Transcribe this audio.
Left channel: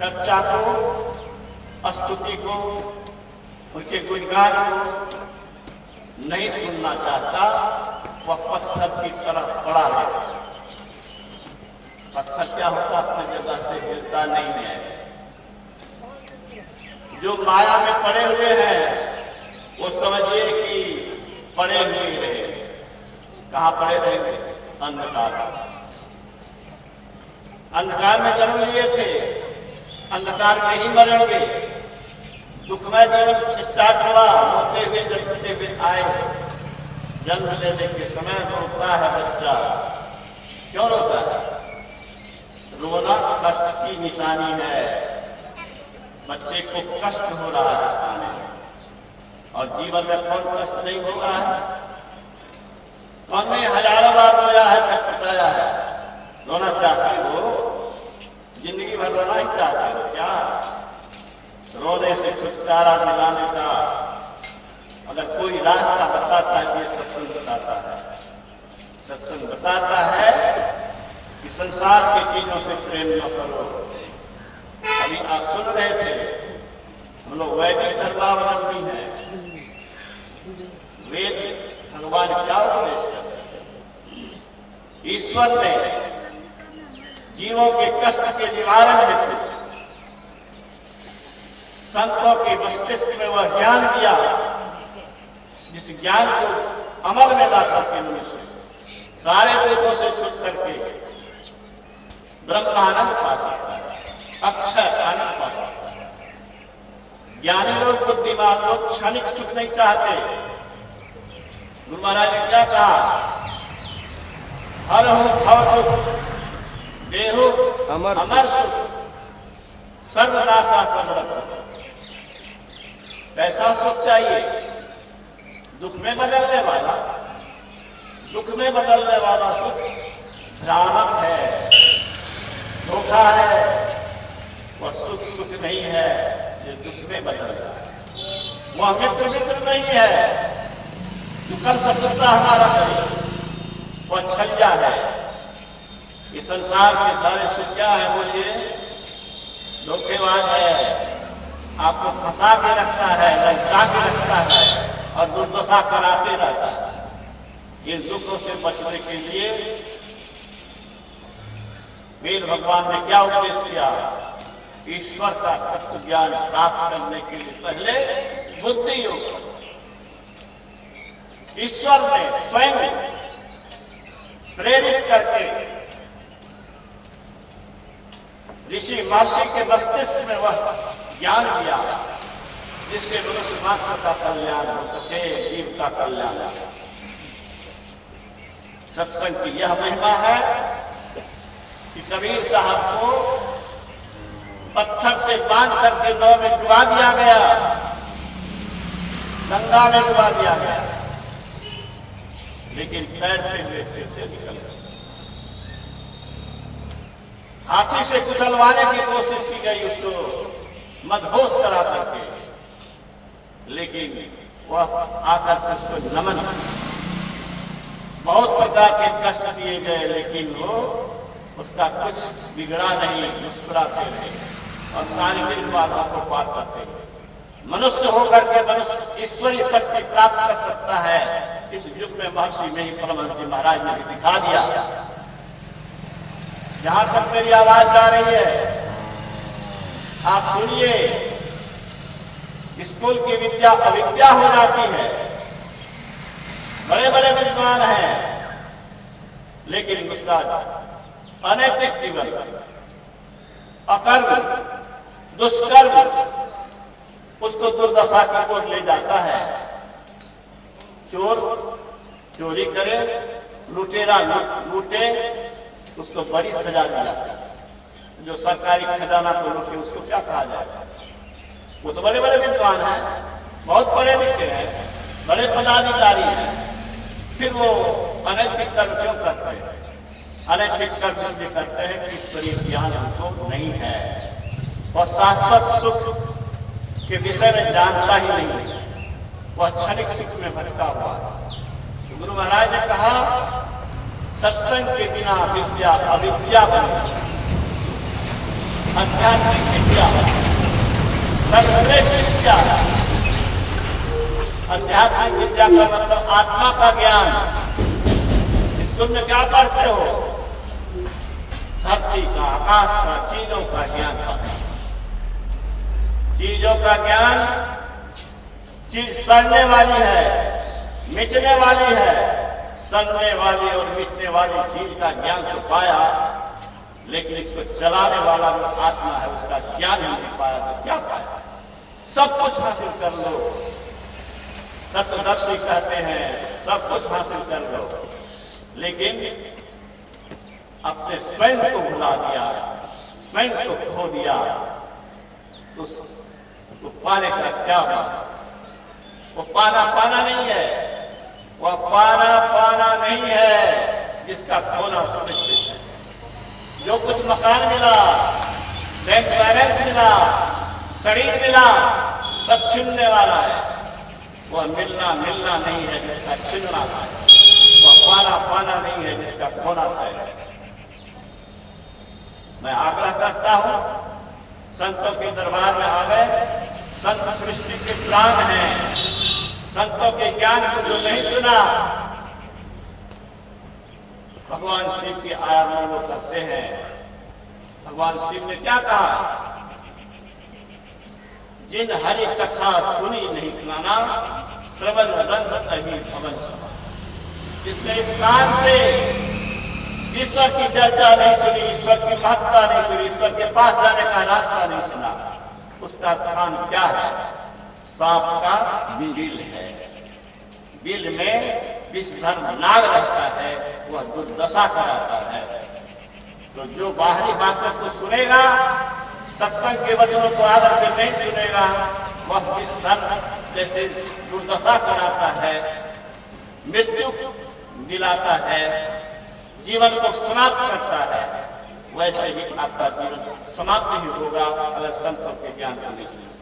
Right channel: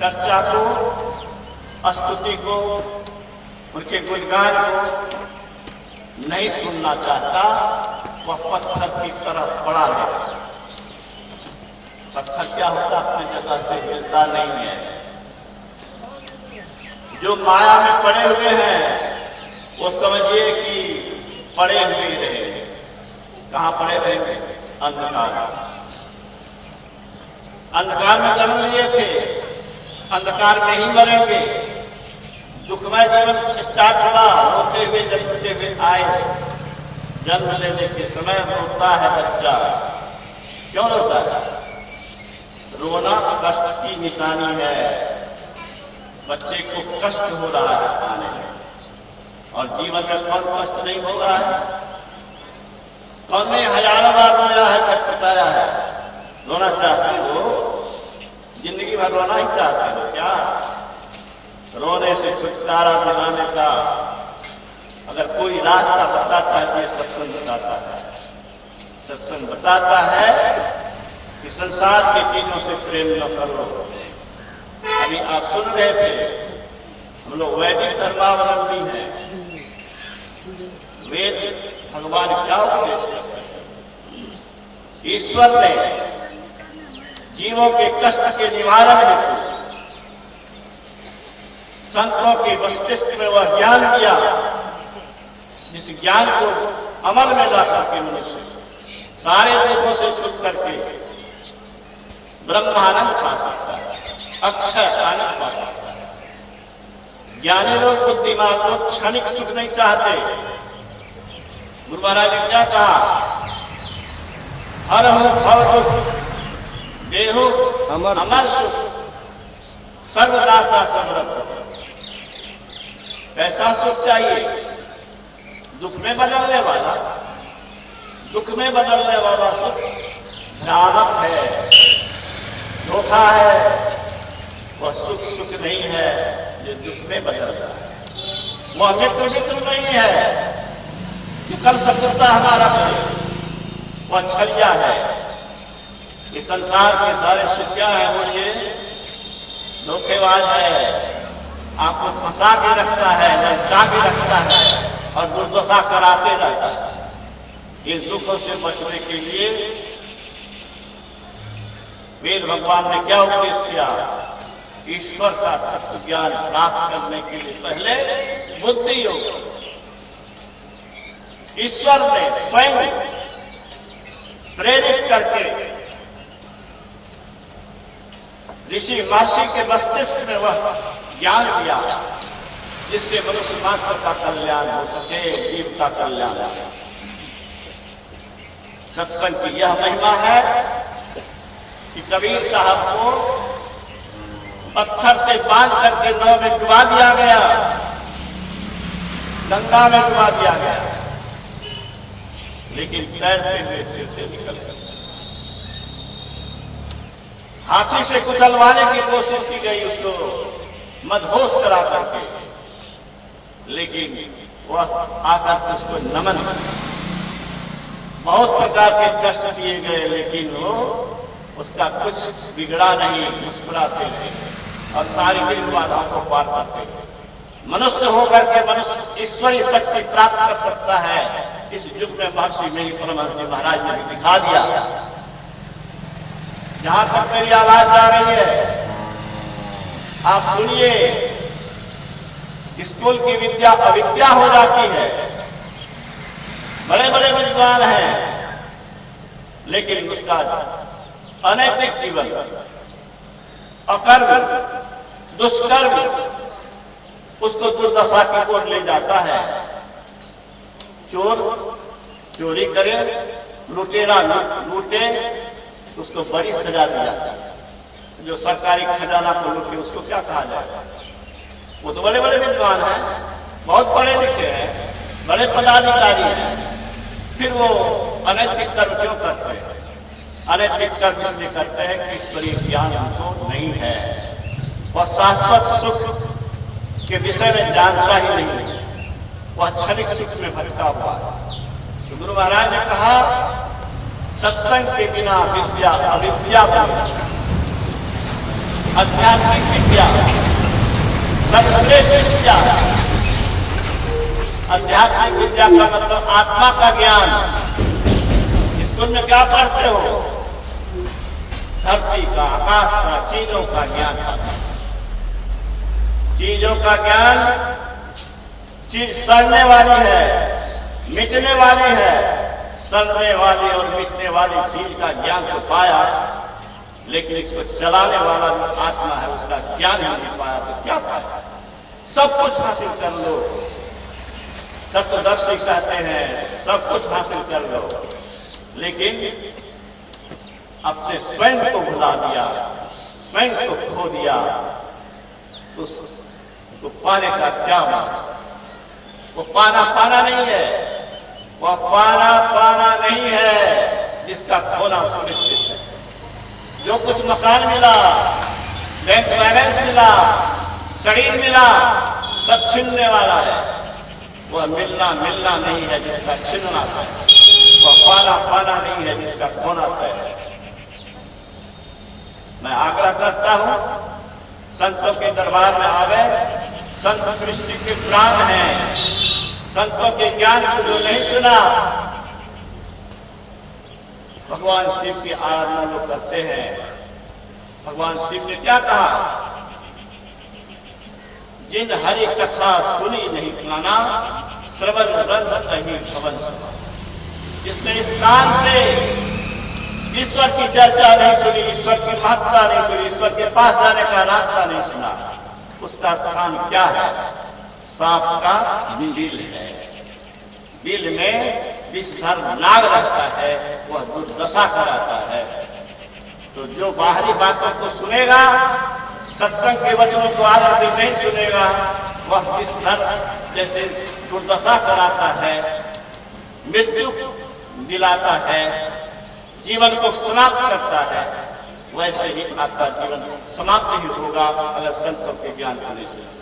चर्चा को, स्तुति को, उनके गुणगान को नहीं सुनना चाहता, वह पत्थर की तरफ पड़ा है। पत्थर क्या होता, अपनी जगह से हिलता नहीं है। जो माया में पड़े हुए हैं वो समझिए कि पड़े हुए रहेंगे। कहां पड़े रहेंगे? अंधकार। अंधकार में जन्म लिए थे, अंधकार में ही मरेंगे। दुखमय जीवन स्टार्ट हुआ, रोते हुए जन्मते हुए आए। जन्म लेने के समय रोता है बच्चा। क्यों रोता है? रोना कष्ट की निशानी है। बच्चे को कष्ट हो रहा है आने में, और जीवन में कौन कष्ट नहीं हो रहा है? कौन ने हजारों बार रोया है, छटपटाया है? रोना चाहते हो? जिंदगी भर रोना ही चाहते हो क्या? रोने से छुटकारा दिलाने का अगर कोई रास्ता बताता है तो ये सत्संग बताता है। सत्संग बताता है कि संसार की चीजों से प्रेम न करो। अभी आप सुन रहे थे, हम लोग वैदिक धर्मावलंबी हैं। वेद भगवान क्या उपदेश करते हैं? ईश्वर ने जीवों के कष्ट के निवारण हेतु संतों के मस्तिष्क में वह ज्ञान दिया, जिस ज्ञान को अमल में ला करके मनुष्य सारे दुखों से छूट करके ब्रह्मानंद पा सकता है, अक्षय आनंद पा सकता है। ज्ञानी लोग, बुद्धिमान लोग क्षणिक सुख नहीं चाहते। गुरु महाराज ने क्या कहा? हर हो भव दुख, देहो अमर सुख, सर्वदाता समर्थ। ऐसा सुख चाहिए दुख में बदलने वाला। दुख में बदलने वाला सुख भ्रामक है, धोखा है। वह सुख सुख नहीं है जो दुख में बदल रहा है। वह मित्र नहीं है जो कल शत्रुता हमारा करे। वह छलिया है। ये संसार के सारे सुख क्या है? बोलिए, धोखेबाज है। आपको फंसा के रखता है, ललचा के रखता है और दुर्दशा कराते रहता है। इन दुखों से बचने के लिए वेद भगवान ने क्या उपदेश किया? ईश्वर का तत्व ज्ञान प्राप्त करने के लिए पहले बुद्धि योग। ईश्वर ने स्वयं प्रेरित करके ऋषि महर्षि के मस्तिष्क में वह ज्ञान दिया जिससे मनुष्य मात्र का कल्याण हो सके, जीव का कल्याण हो सके। सत्संग की यह महिमा है कि कबीर साहब को पत्थर से बांध करके नाव में डुबा दिया गया, गंगा में डुबा दिया गया, लेकिन तैरते हुए फिर से निकल गए। हाथी से कुचलवाने की कोशिश की गई, उसको मदहोश करा करके, लेकिन वह आकर के उसको नमन किया। बहुत प्रकार के कष्ट दिए गए, लेकिन वो उसका कुछ बिगड़ा नहीं, मुस्कुराते रहे और सारी दिन बाधाओं को पार करते रहे। मनुष्य होकर के मनुष्य ईश्वरीय शक्ति प्राप्त कर सकता है। इस युग में महर्षि में ही परमहंस जी महाराज ने भी दिखा दिया। जहां तक मेरी आवाज जा रही है, आप सुनिए। स्कूल की विद्या अविद्या हो जाती है। बड़े बड़े विद्वान हैं, लेकिन उसका अनैतिक जीवन, अकर्म, दुष्कर्म उसको दुर्दशा की ओर ले जाता है। चोर चोरी करे, लुटेरा लूटे, उसको बड़ी सजा दी जाती है। जो सरकारी खजाना को लूटे उसको क्या कहा जाएगा? वो तो बड़े बड़े विद्वान हैं, बहुत पढ़े लिखे हैं, बड़े पदाधिकारी हैं, फिर वो अनैतिक कर्म क्यों करते हैं? अनैतिक कर्म इसलिए करते हैं कि ईश्वरीय ज्ञान उनको नहीं है और शाश्वत सुख के विषय में जानता ही नहीं है। वह क्षणिक सुख में भटका हुआ है। तो गुरु महाराज ने कहा, सत्संग के बिना विद्या अविद्या बनेगी। आध्यात्मिक विद्या सर्वश्रेष्ठ विद्या। आध्यात्मिक विद्या का मतलब आत्मा का ज्ञान। स्कूल में क्या पढ़ते हो? धरती का, आकाश का, चीजों का ज्ञान। चीजों का ज्ञान, चीज सड़ने वाली है, मिटने वाली है। सड़ने वाली और मिटने वाली चीज का ज्ञान तो पाया, लेकिन इसको चलाने वाला जो आत्मा है उसका ज्ञान नहीं पाया तो क्या पाया? सब कुछ हासिल कर लो, तत्वदर्शी कहते हैं सब कुछ हासिल कर लो, लेकिन अपने स्वयं को भुला दिया, स्वयं को खो दिया, तो उसको पाने का क्या बात? वो पाना पाना नहीं है, वह पाना पाना नहीं है जिसका खोना सुनिश्चित है। जो कुछ मकान मिला, बैंक बैलेंस मिला, शरीर मिला, सब छीनने वाला है। वह मिलना मिलना नहीं है जिसका छीनना है। वह पाना पाना नहीं है जिसका खोना है। मैं आग्रह करता हूं, संतों के दरबार में आवे। संत सृष्टि के प्राण हैं। संतों के ज्ञान को जो नहीं सुना, भगवान शिव की आराधना लोग करते हैं। भगवान शिव ने क्या कहा? जिन हरि कथा सुनी नहीं माना, श्रवण रंध अहि भवन समा। जिसने इस कान से ईश्वर की चर्चा नहीं सुनी, ईश्वर की महत्ता नहीं सुनी, ईश्वर के पास जाने का रास्ता नहीं सुना, उसका कान क्या है? सांप का बिल है। बिल में विषधर नाग रहता है, वह दुर्दशा कराता है। तो जो बाहरी बातों को सुनेगा, सत्संग के वचनों को आदर से नहीं सुनेगा, वह विषधर जैसे दुर्दशा कराता है, मृत्यु दिलाता है, जीवन को समाप्त करता है। वैसे ही आपका जीवन समाप्त ही होगा अगर संतों के ज्ञान को नहीं सुने।